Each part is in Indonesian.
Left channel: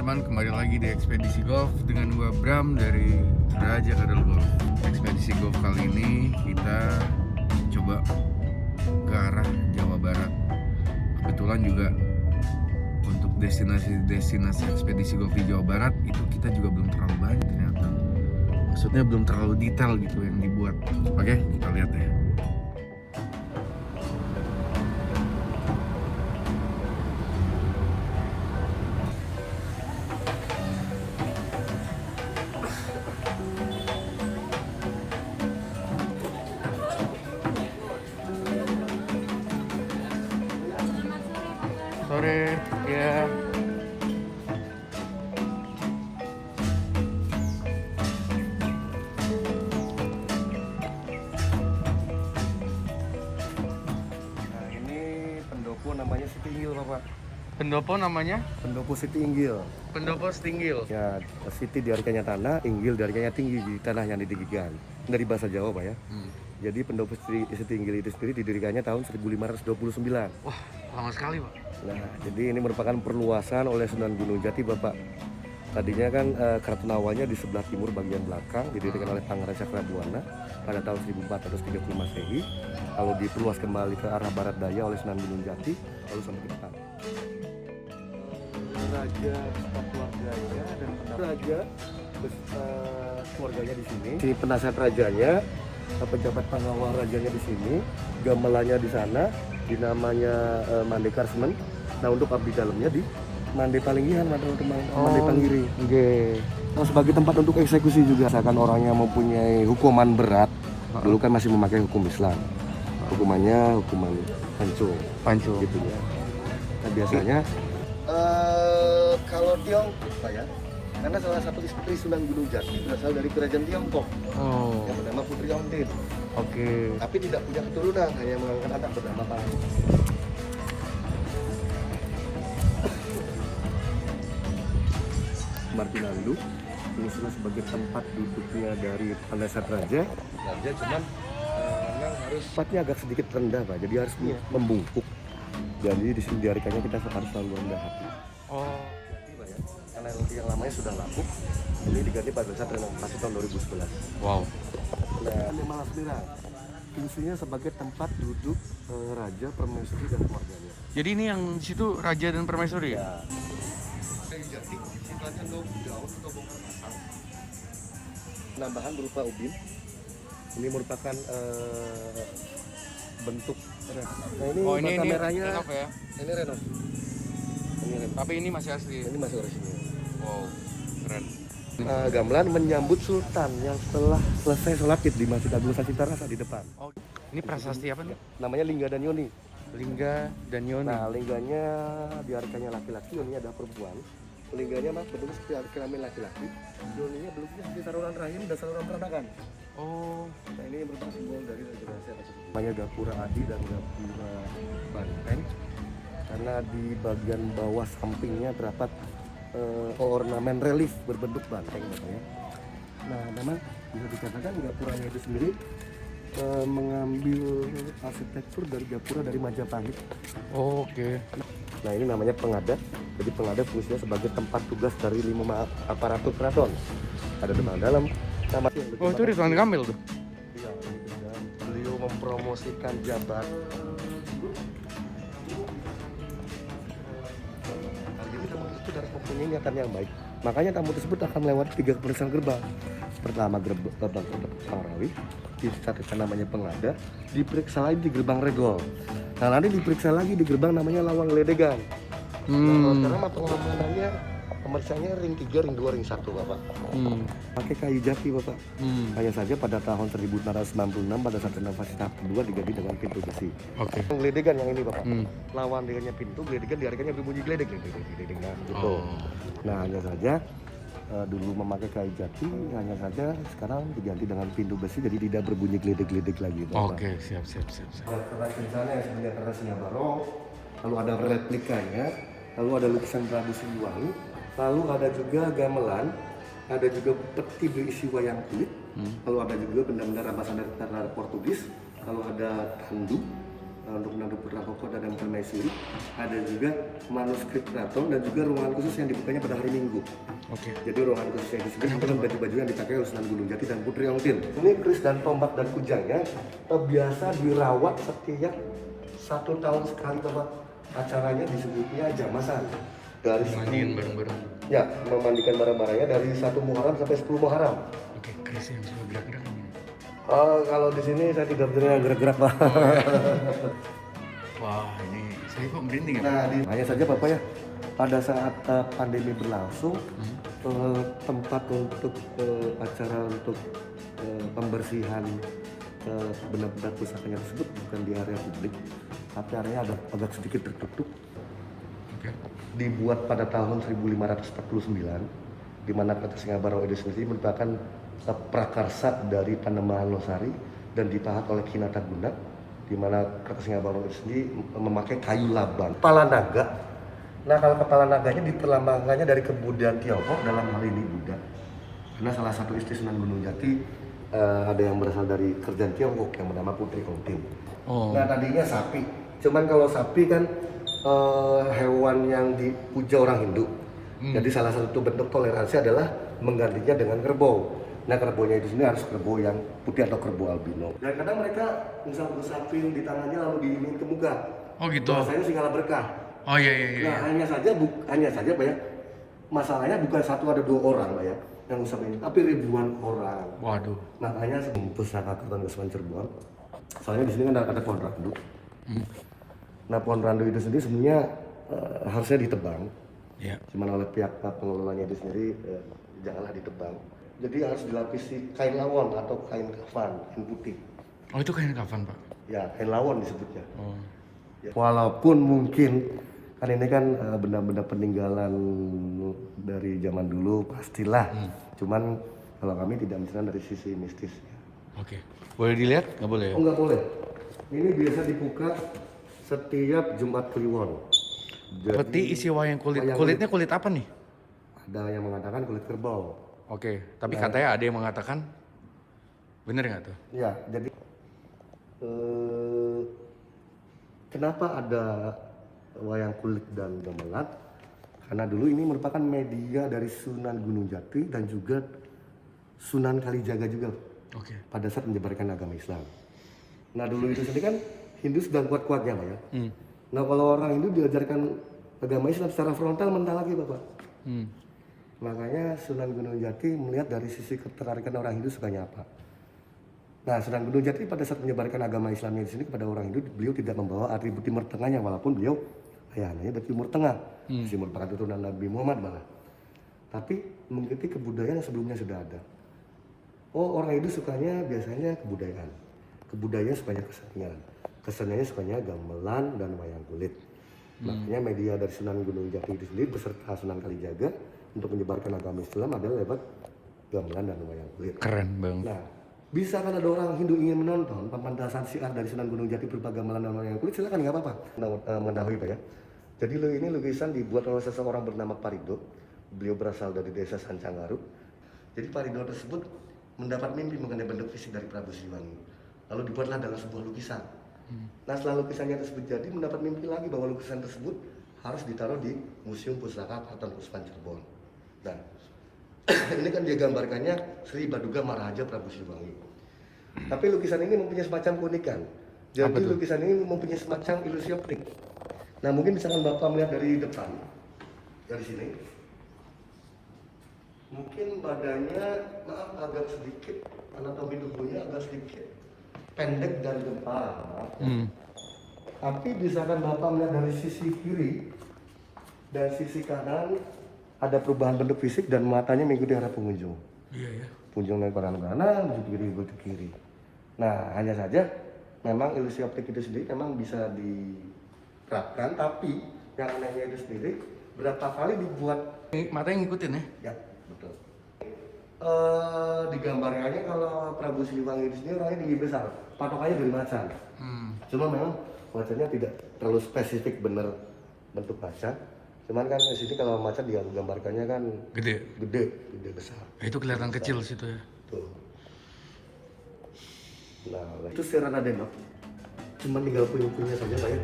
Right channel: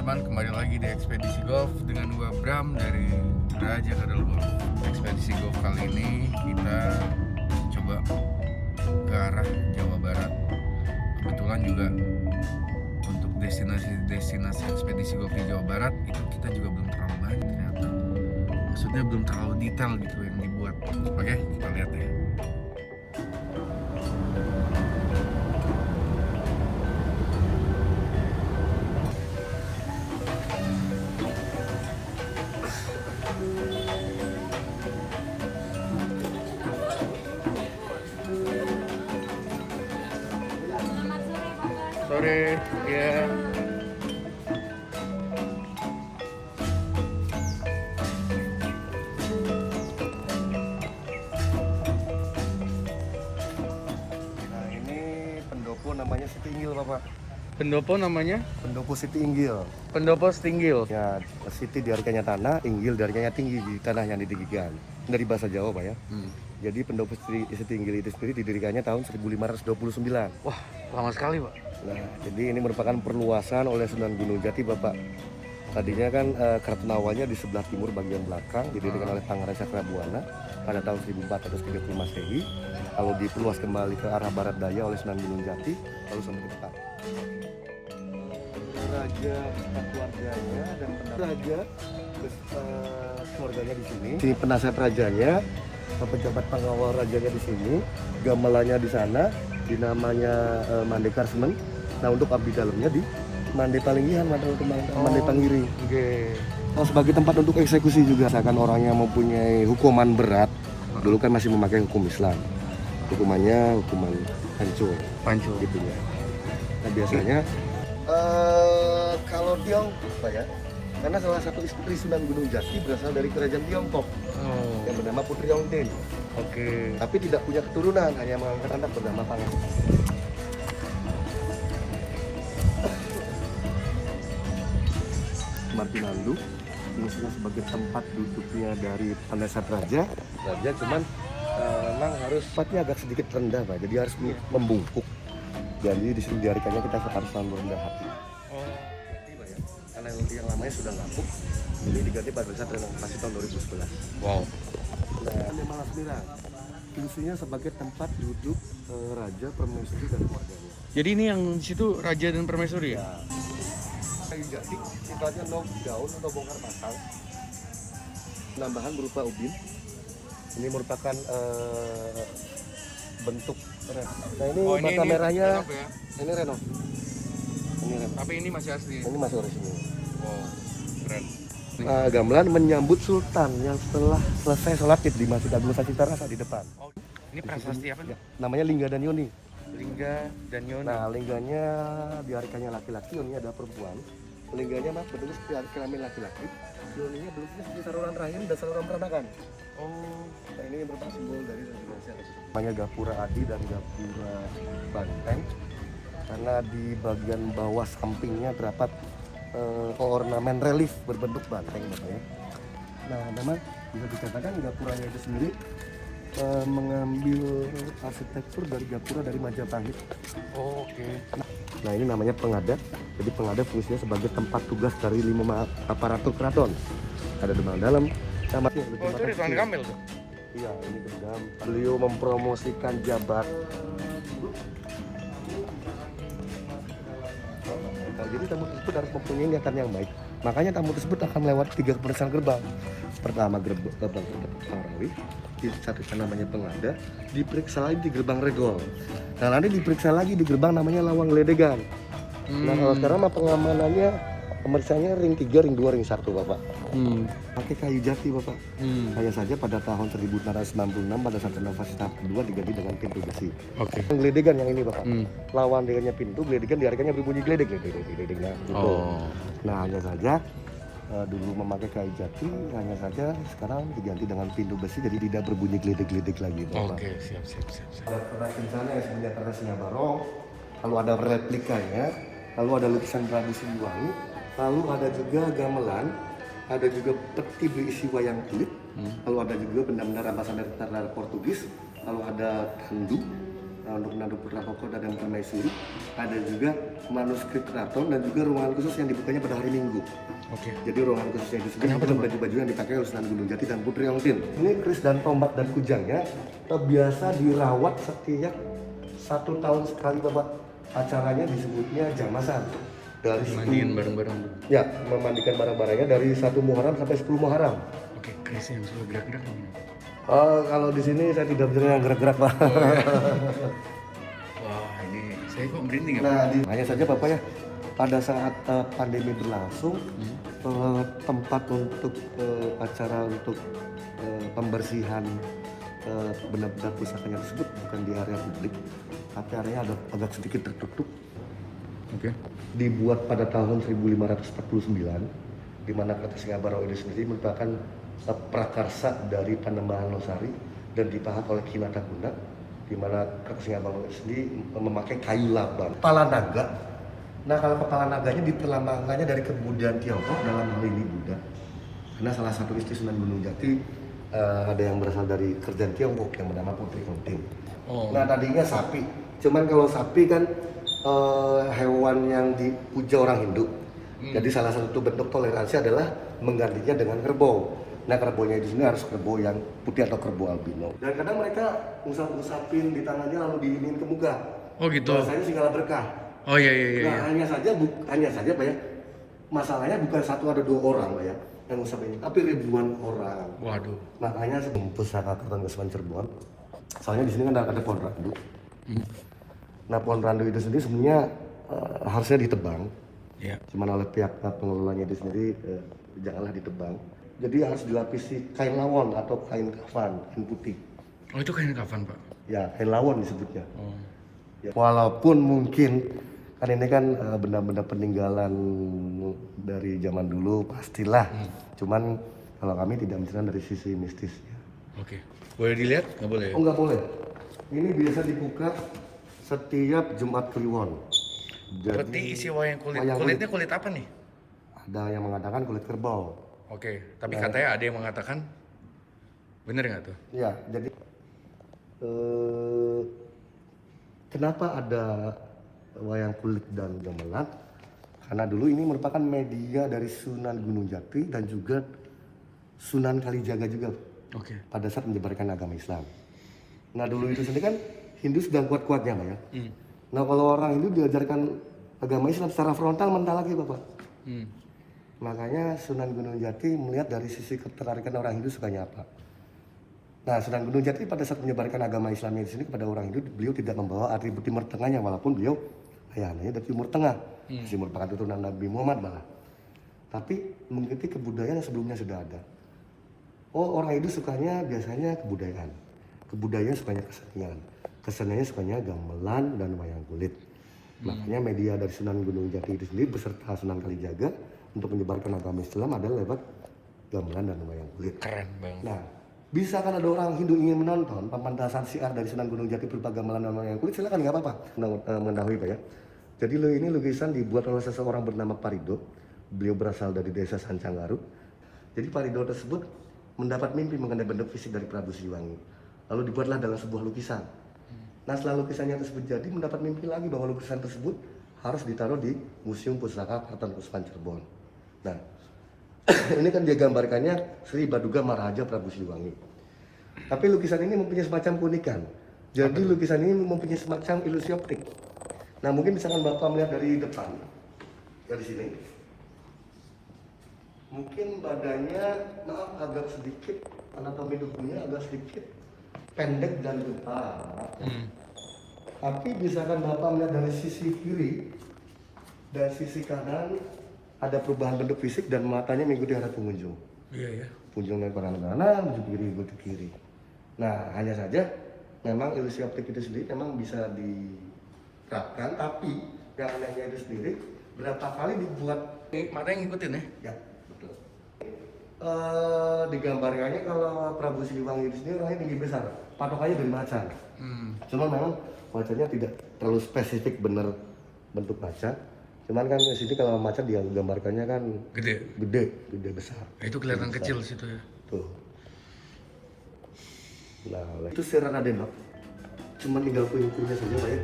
teman-teman, kembali lagi di Ekspedisi Golf dengan gua Bram dari Raja Kadal Golf. Ekspedisi Golf kali ini kita coba ke arah Jawa Barat. Kebetulan juga untuk destinasi ekspedisi golf di Jawa Barat itu kita juga belum terlalu banyak ternyata. Maksudnya belum terlalu detail gitu yang dibuat. Oke, kita lihat ya. Sore ya. Nah ini pendopo namanya Siti Inggil Bapak. Pendopo namanya? Pendopo Siti Inggil. Pendopo Setinggil. Ya Siti diartikannya tanah, Inggil diartikannya tinggi di tanah yang ditinggikan. Dari bahasa Jawa Pak ya. Jadi pendopo Siti Inggil itu sendiri didirikannya tahun 1529. Wah, lama sekali Pak. Nah jadi ini merupakan perluasan oleh Sunan Gunung Jati Bapak. Tadinya kan keraton awalnya di sebelah timur bagian belakang didirikan oleh Pangeran Cakrabuana pada tahun 1430 Masehi. Lalu diperluas kembali ke arah barat daya oleh Sunan Gunung Jati lalu sampai ke depan. Raja keluarganya dan raja keluarganya di sini. Si penasihat rajanya, pejabat pengawal rajanya di sini, gamelannya di sana, dinamanya Mandekar Seneng. Nah untuk abdi dalamnya di Mande Palinggihan, Mande Pangiri. Oh, sebagai tempat untuk eksekusi juga. Misalkan orang yang mempunyai hukuman berat, dulu kan masih memakai hukum Islam. Hukumannya hukuman pancung gitu ya. Nah biasanya kalau Tiong, Pak ya, karena salah satu istri Sunan Gunung Jati berasal dari kerajaan Tiongkok yang bernama Putri Yongtin. Oke. Tapi tidak punya keturunan, hanya mengangkat anak bernama Pangeran. Martinandu fungsinya sebagai tempat duduknya dari penasihat raja. Raja cuman memang harus tempatnya agak sedikit rendah Pak, jadi harus membungkuk. Jadi di sini diartikannya kita harus selalu rendah hati. Oh. Karena yang lamanya sudah lapuk, jadi diganti pada saat renovasi tahun 2011. Wow. Nah, Malas Merah fungsinya sebagai tempat duduk raja, permaisuri dan keluarganya. Jadi ini yang di situ Raja dan Permaisuri ya? Kayu jati sifatnya knock down atau bongkar pasang. Penambahan berupa ubin. Ini merupakan bentuk rem. Nah ini bata merahnya. Ya? Ini renov. Ini renov. Tapi ini masih asli. Ini masih orisinil. Wow, keren. Gamelan menyambut Sultan yang setelah selesai sholat id di Masjid Agung Sacitarasa di depan. Oh, ini prasasti apa nih? Namanya Lingga dan Yoni. Lingga dan Yoni. Nah, lingganya diartikannya laki-laki, Yoni adalah perempuan. Lingganya mas betul seperti kelamin laki-laki. Yoninya betul seperti saluran rahim dan saluran peranakan. Oh, Nah ini merupakan simbol dari Indonesia. Namanya Gapura Adi dan Gapura Banteng. Karena di bagian bawah sampingnya terdapat ornamen relief berbentuk banteng Bapak ya. Nah memang bisa dikatakan Gapuranya itu sendiri mengambil arsitektur dari Gapura dari Majapahit. oh oke. Nah ini namanya pengada. Jadi pengada fungsinya sebagai tempat tugas dari 5 aparatur keraton. Ada di dalam. Oh itu Ridwan Kamil tuh? Iya, dan beliau mempromosikan jabat. Jadi tamu tersebut harus mempunyai niatan yang baik. Makanya tamu tersebut akan melewati 3 pemeriksaan gerbang. Pertama gerbang Marawi, di satu namanya pengada, diperiksa lagi di gerbang Regol. Nah nanti diperiksa lagi di gerbang namanya Lawang Ledegan. Nah sekarang pengamanannya pemeriksaannya ring 3, ring 2, ring 1 Bapak. Pakai kayu jati Bapak. Hanya saja pada tahun 1696 pada saat renovasi tahap kedua diganti dengan pintu besi. Oke. Geledegan yang ini Bapak. Lawan dengannya pintu, geledegan diartikannya berbunyi geledek-geledeknya. Oh. Nah hanya saja dulu memakai kayu jati, hanya saja sekarang diganti dengan pintu besi jadi tidak berbunyi geledek-geledek lagi Bapak. Oke, siap. Ada perajin sana yang sebenarnya karena Singabarong, lalu ada replikanya, lalu ada lukisan Prabu Siliwangi, lalu ada juga gamelan, ada juga peti berisi wayang kulit, lalu ada juga benda-benda rampasan dari tentara Portugis, lalu ada tandu, untuk menantu Putra Koko dan Permaisuri. Ada juga manuskrip keraton dan juga ruangan khusus yang dibukanya pada hari Minggu. Oke. Jadi ruangan khusus yang disebut Kenapa dengan tuh, Pak? baju-baju yang dipakai oleh Sunan Gunung Jati dan Putri Ongtin. Ini keris dan tombak dan kujangnya biasa dirawat setiap 1 tahun sekali, Bapak. Acaranya disebutnya jamasan. Dari Mandiin bareng-bareng. Ya, memandikan barang-barangnya dari 1 Muharram sampai 10 Muharram. Oke, keris yang suka gerak-gerak ini. Oh, kalau di sini saya tidak dengar gerak-gerak, Pak. Wah, ini saya kok merinding ya? Nah, hanya saja Bapak ya, pada saat pandemi berlangsung, tempat untuk acara untuk pembersihan benda-benda pusakanya tersebut bukan di area publik, tapi area agak sedikit tertutup. Oke. Dibuat pada tahun 1549, di mana Kota Singabaro itu sendiri merupakan prakarsa dari tanaman losari dan ditahan oleh Kinataguna, di mana Kota Singabaro itu sendiri memakai kayu laban. Kepala naga. Nah, kalau kepala naganya diterlambangkannya dari kebudayaan Tiongkok, dalam hal ini Buddha. Karena salah satu istri Sunan Gunung Jati ada yang berasal dari kerajaan Tiongkok yang bernama Putri Ongtin. Oh. Nah, tadinya sapi. Cuman kalau sapi kan hewan yang dipuja orang Hindu. Jadi salah satu bentuk toleransi adalah menggantinya dengan kerbau. Nah, kerbaunya itu sendiri harus kerbau yang putih atau kerbau albino. Dan kadang mereka ngusapin di tangannya lalu diinin ke muka. Oh gitu. Bahasanya segala berkah. Oh iya. Nah, hanya saja Pak ya. Masalahnya bukan 1 atau 2 orang Pak ya yang ngusapin, tapi ribuan orang. Waduh. Makanya Pusaka Keraton Kasepuhan Cirebon. Soalnya di sini kan ada pohon randu. Nah, pohon randu itu sendiri sebenarnya harusnya ditebang. Iya. Cuman oleh pihak pengelolanya itu sendiri janganlah ditebang. Jadi harus dilapisi kain lawon atau kain kafan, kain putih. Oh itu kain kafan, Pak? Ya, kain lawon disebutnya. Oh. Ya. Walaupun mungkin kan ini kan benda-benda peninggalan dari zaman dulu pastilah. Cuman kalau kami tidak misalnya dari sisi mistisnya. Oke. Boleh dilihat? Nggak boleh ya? Oh, nggak boleh. Ini biasa dibuka setiap Jumat Kliwon. Berarti isi wayang kulit. Wayang Kulitnya kulit apa nih? Ada yang mengatakan kulit kerbau. Oke, tapi katanya ada yang mengatakan bener nggak tuh? Ya, jadi kenapa ada wayang kulit dan gamelan? Karena dulu ini merupakan media dari Sunan Gunung Jati dan juga Sunan Kalijaga juga Oke. pada saat menyebarkan agama Islam. Nah, dulu itu sendiri kan Hindu sedang kuat-kuatnya Pak ya. Nah, kalau orang Hindu diajarkan agama Islam secara frontal mental lagi Bapak. Makanya Sunan Gunung Jati melihat dari sisi ketertarikan orang Hindu sukanya apa. Nah, Sunan Gunung Jati pada saat menyebarkan agama Islamnya di sini kepada orang Hindu, beliau tidak membawa atribut Timur Tengahnya, walaupun beliau ayahnya dari Timur Tengah, masih merupakan turunan Nabi Muhammad malah. Tapi mengikuti kebudayaan yang sebelumnya sudah ada. Oh, orang Hindu sukanya biasanya kebudayaan. Kebudayaan sukanya kesenian. Keseniannya sukanya gamelan dan wayang kulit. Makanya media dari Sunan Gunung Jati itu sendiri beserta Sunan Kalijaga untuk menyebarkan agama Islam adalah lewat gamelan dan wayang kulit. Keren banget. Nah, bisa kan ada orang Hindu ingin menonton pementasan syiar dari Sunan Gunung Jati berupa gamelan dan wayang kulit, silakan nggak apa-apa. Mengetahui Pak ya. Jadi ini lukisan dibuat oleh seseorang bernama Parido. Beliau berasal dari desa Sancanggaru. Jadi Parido tersebut mendapat mimpi mengenai bentuk fisik dari Prabu Siliwangi. Lalu dibuatlah dalam sebuah lukisan. Nah, setelah lukisannya tersebut jadi, mendapat mimpi lagi bahwa lukisan tersebut harus ditaruh di Museum Pusaka Keraton Kasepuhan Cirebon. Nah, ini kan dia gambarkannya Sri Baduga Maharaja Prabu Siliwangi. Tapi lukisan ini mempunyai semacam keunikan. Jadi lukisan ini mempunyai semacam ilusi optik. Nah, mungkin misalkan Bapak melihat dari depan, dari sini, mungkin badannya maaf agak sedikit, anatomi tubuhnya agak sedikit pendek dari depan. Tapi misalkan Bapak melihat dari sisi kiri, dari sisi kanan, ada perubahan bentuk fisik dan matanya mengikuti arah pengunjung. Iya ya. Pengunjung ke kanan, menuju kiri, ke kiri. Nah, hanya saja memang ilusi optik itu sendiri memang bisa diterapkan, tapi yang anehnya itu sendiri berapa kali dibuat. Matanya ngikutin ya? Ya, betul. Digambarkannya kalau Prabu Siliwangi itu sendiri orangnya tinggi besar, patokannya dari macan. Cuma memang macannya tidak terlalu spesifik benar bentuk macan. Cuman kan di sini kalau macan dia gambarkannya kan Gede. gede besar. Itu kelihatan kecil situ ya. Tuh. Nah, itu Sir Radenok. cuma tinggal puing-puingnya saja Pak ya.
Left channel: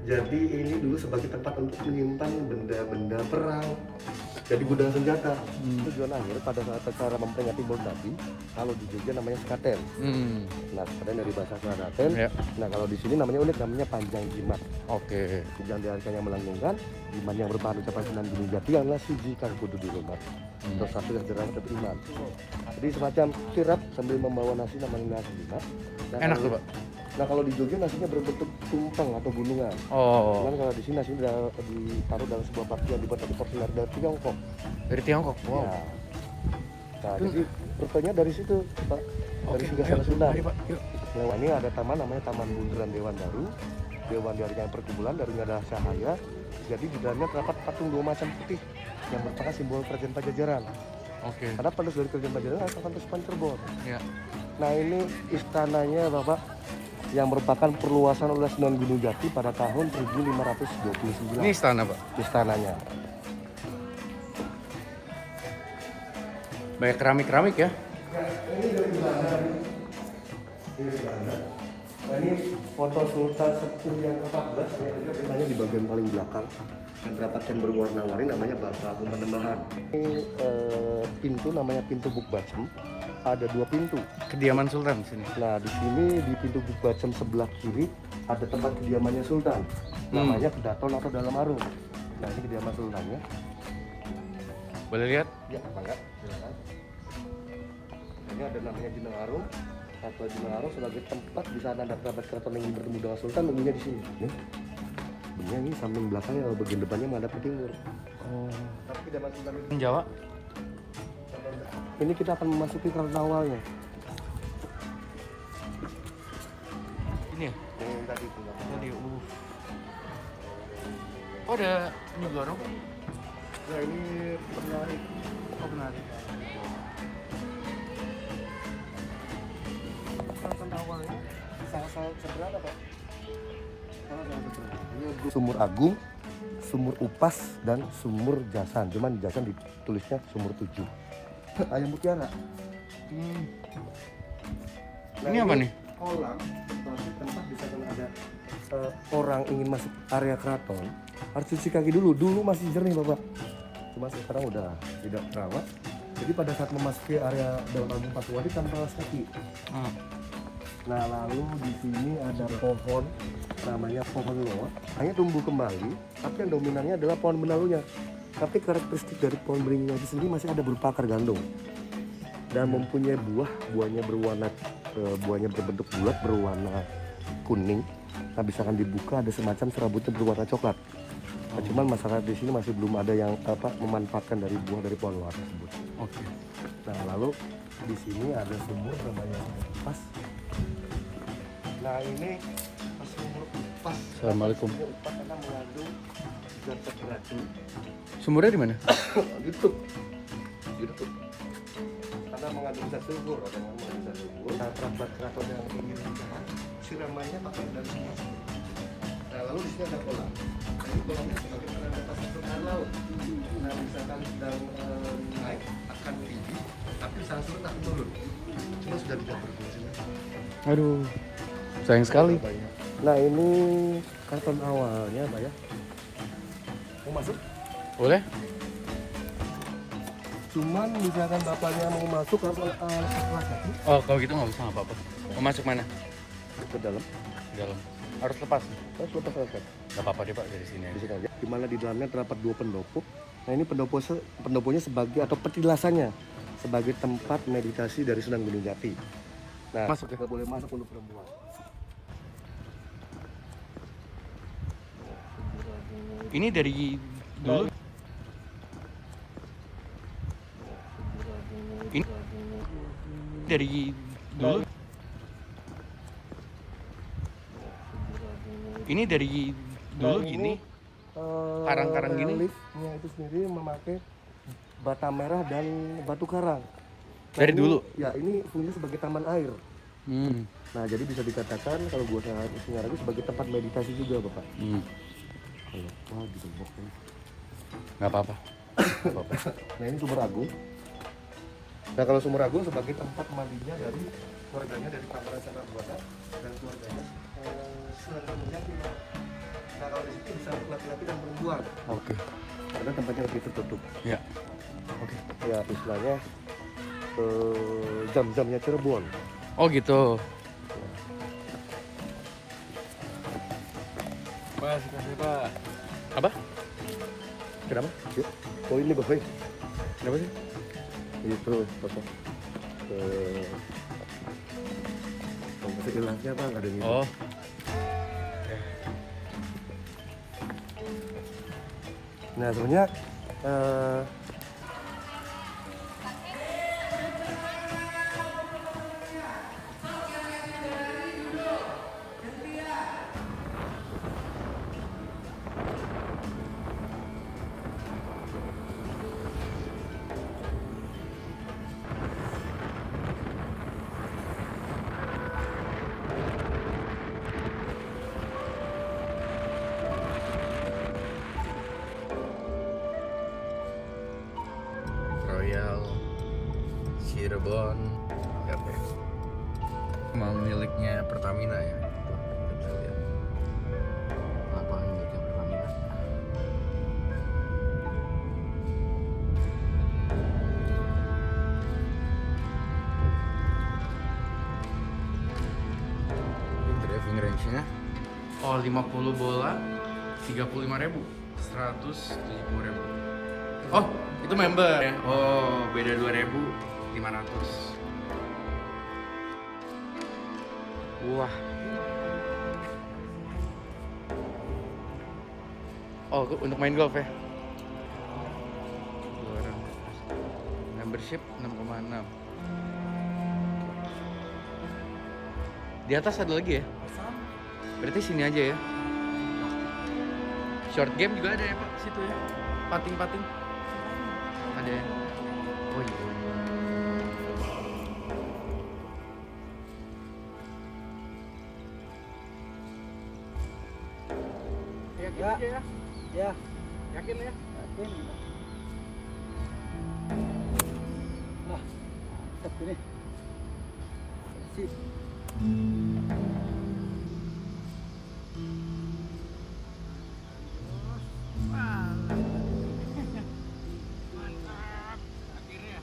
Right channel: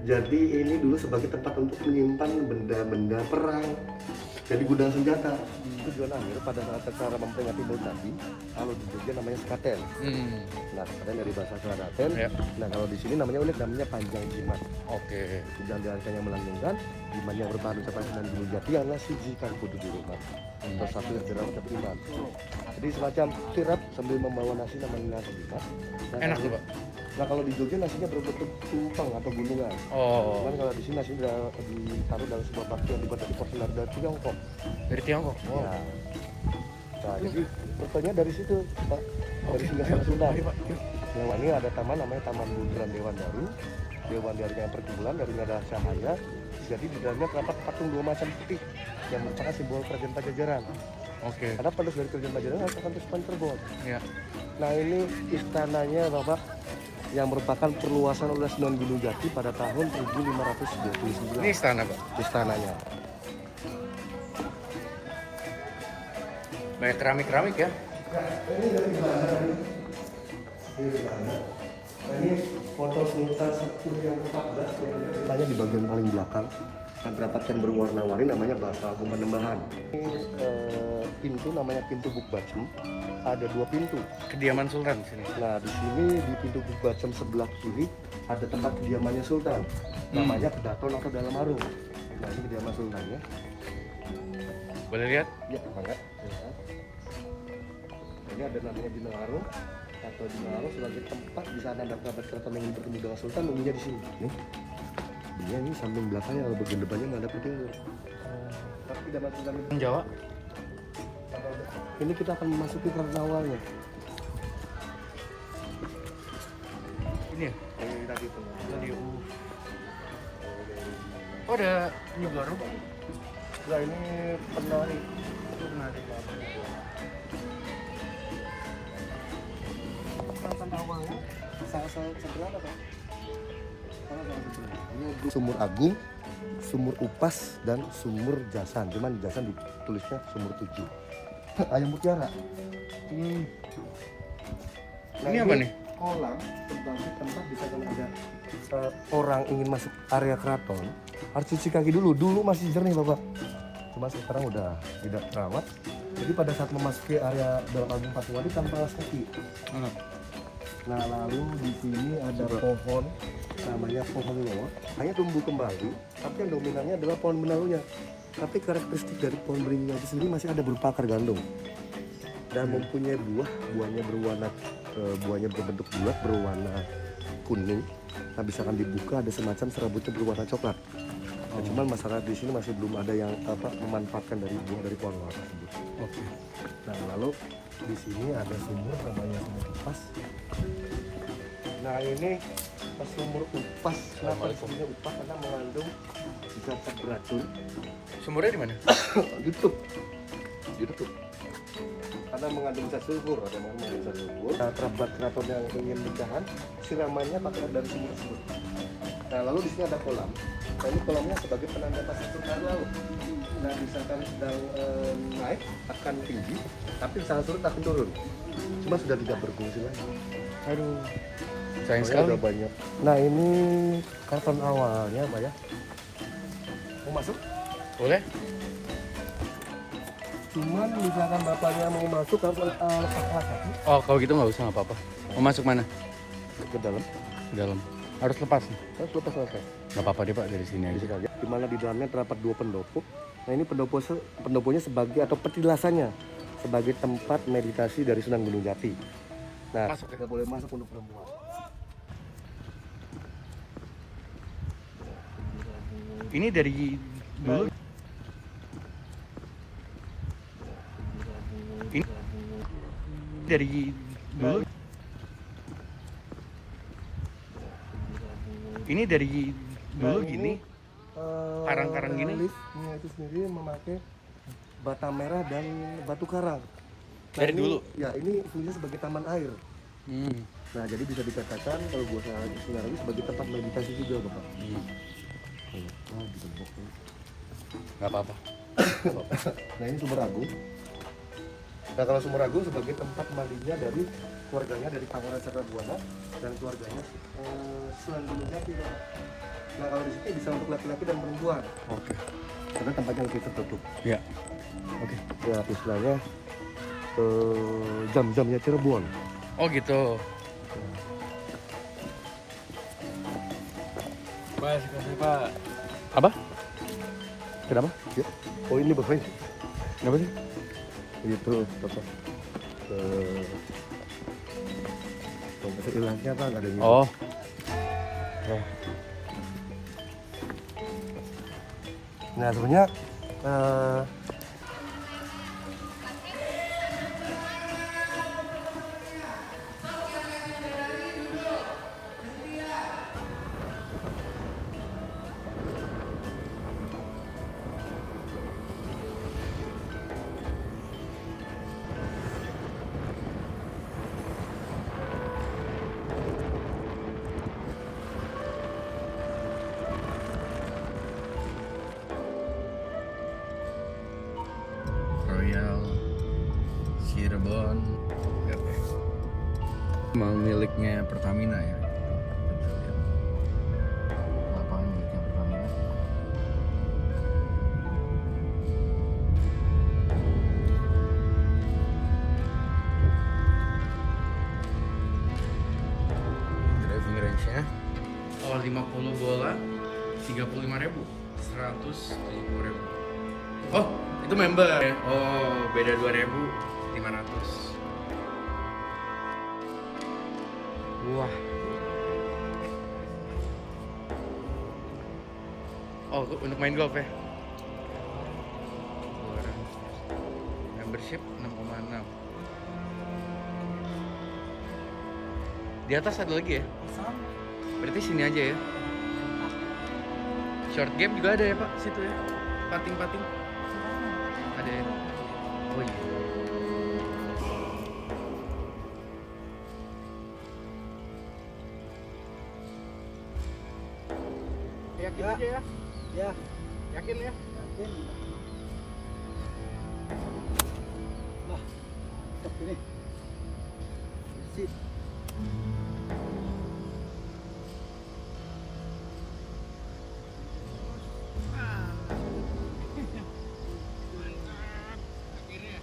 Jadi ini dulu sebagai tempat untuk menyimpan benda-benda perang. Jadi gudang senjata. Tujuan akhir pada saat acara memperingati Bau Jati, kalau di Jogja namanya skaten. Nah, skaten dari bahasa Klaten. Ya. Nah, kalau di sini namanya unik, namanya panjang jimat. Oke. Yang diartikan melanggengkan, jimat yang berbahan ucapan Sunan Gunung Jati adalah suci kang kudu di rumah. Terus satu yang jerang terima. Jadi semacam kirap sambil membawa nasi namanya nasi jimat. Enak tuh Pak. Nah, kalau di Jogja nasinya berbentuk simpang atau gunungan. Oh. Kan kalau di sini nasi udah ditaruh dalam sebuah paku yang dibuat dari Tiongkok. Dari Tiongkok. Wow. Ya. Nah, jadi rupanya dari situ Pak. Dari Singgah Sunan. Nah, ini ada taman namanya Taman Bundaran Dewan Daru. Dewan dari yang perkumpulan dari nggak ada cahaya. Jadi di dalamnya terdapat patung dua macam putih yang merupakan simbol kerajaan Pajajaran. Oke. Karena pada dari kerajaan Pajajaran ada pantai Cirebon. Ya. Nah, ini istananya Bapak yang merupakan perluasan oleh Sunan Gunung Jati pada tahun 1529. Ini istana Pak. Istananya. Banyak keramik-keramik ya. Ini dari belakang tadi. Ini belakang. Nah, ini foto Sultan Sepuh yang ke-14 yang di bagian paling belakang. Dan terdapat yang berwarna-warni namanya Bata Penembahan. Ini pintu namanya pintu Bukbacem. Ada dua pintu. Kediaman Sultan di sini. Nah, di sini di pintu Bukbacem sebelah kiri ada tempat kediamannya Sultan. Namanya Kedaton atau Dalam Arung. Nah, ini kediaman Sultannya. Boleh lihat? Ya, banget. Ini ada namanya Dina Arung. Atau Dina Arung sebagai tempat di sana ada kerabat keraton yang bertemu dengan Sultan, umumnya di sini. Nih. Ini samping belakang kalau bagian depannya menghadap ke timur. Tidak masuk dalam Jawa. Ini kita akan memasuki kartu awalnya. Ini ya? Yang tadi itu. Oh ada negara. Nah, ini penari. Oh penari. Kartu awalnya sangat sederhana Pak. Ini Sumur Agung, Sumur Upas, dan Sumur Jasan. Cuman Jasan ditulisnya Sumur 7. Ali Mutiara. Ini apa nih? Kolam, tempat bisa kalau ada orang ingin masuk area keraton, harus cuci kaki dulu. Dulu masih jernih Bapak. Cuma sekarang udah tidak terawat. Jadi pada saat memasuki area Dalam Agung Patuwadi tanpa alas kaki. Nah, lalu di sini ada pohon namanya pohon lor. Ini tumbuh kembali, tapi yang dominannya adalah pohon benalunya. Tapi karakteristik dari pohon beringnya itu sendiri masih ada berupa akar gandum dan mempunyai buahnya berbentuk bulat berwarna kuning. Nah, misalkan dibuka ada semacam serabutnya berwarna coklat. Nah, cuman masyarakat di sini masih belum ada yang memanfaatkan dari buah dari pohon lor tersebut. Oke. Nah, lalu di sini ada sumur namanya Sumur Upas. Nah, ini Sumur Upas. Assalamualaikum. Upas karena mengandung zat beracun. Sumurnya di mana? Gitu. Karena mengandung zat sulfur atau mengandung zat sulfur. Nah, kerabat-kerabat yang ingin nikahan siramannya pakai dari sumur. Nah, lalu di sini ada kolam. Nah, ini kolamnya sebagai penanda pasir surut laut. Nah, misalkan sedang naik akan tinggi, tapi misalkan surut akan turun. Cuma sudah tidak berfungsi lagi. Aduh. Sayang sekali. Udah banyak. Nah, ini karton awalnya, Pak ya. Mau masuk? Boleh? Cuman misalkan bapaknya mau masuk apa Oh kalau gitu nggak usah nggak apa-apa. Mau masuk mana? ke dalam? Dalam. Harus lepas. Terus lepas aja. Nggak apa-apa deh Pak dari sini aja. Bisa aja. Di mana di dalamnya terdapat dua pendopo. Nah, ini pendoponya sebagai atau petilasannya sebagai tempat meditasi dari Sunan Gunung Jati. Nah, Masuk ya? kita boleh masuk untuk perempuan. Ini dari dulu. Ini dari dulu. Ini dari dulu gini. Karang-karang gini. Liftnya itu sendiri memakai bata merah dan batu karang. Dari Ini- dulu? Ya, ini fungsinya sebagai taman air. Hmm. Nah, jadi bisa dikatakan kalau buat saya lagi sebagai tempat meditasi juga, Bapak. Oh, gitu, Bapak. Nggak apa-apa. Nah, ini Sumur Agung. Nah, kalau Sumur Agung sebagai tempat mandinya dari keluarganya dari Pangeran Sakabuana dan keluarganya Selanjutnya kita, nah kalau di sini bisa untuk laki-laki dan perempuan Oke. karena tempatnya lebih tertutup. Ya. Oke. Ya istilahnya jam-jamnya Cirebon. Oh gitu. Pas, kasih Pak. Apa? Kenapa? Ya. Oh ini bos ini. Kenapa sih? Ini terus bosnya. Bahasa ilahnya apa nggak ada ini? Oh. Nah sebenarnya Royal Cirebon. Yap. Memang miliknya Pertamina ya. Kita lihat. Lapangan miliknya Pertamina. Driving ratio-nya. Oh 50 bola 35.000, 170.000. Oh, itu member ya? Oh, beda 2.500. Wah. Oh, untuk main golf ya? Orang. Membership 6,6. Di atas ada lagi ya? Berarti sini aja ya? Short game juga ada ya Pak, situ ya? Pating-pating. Ada ya? Oh iya. Yakin aja ya. ya Yakin ya. ini si Akhirnya.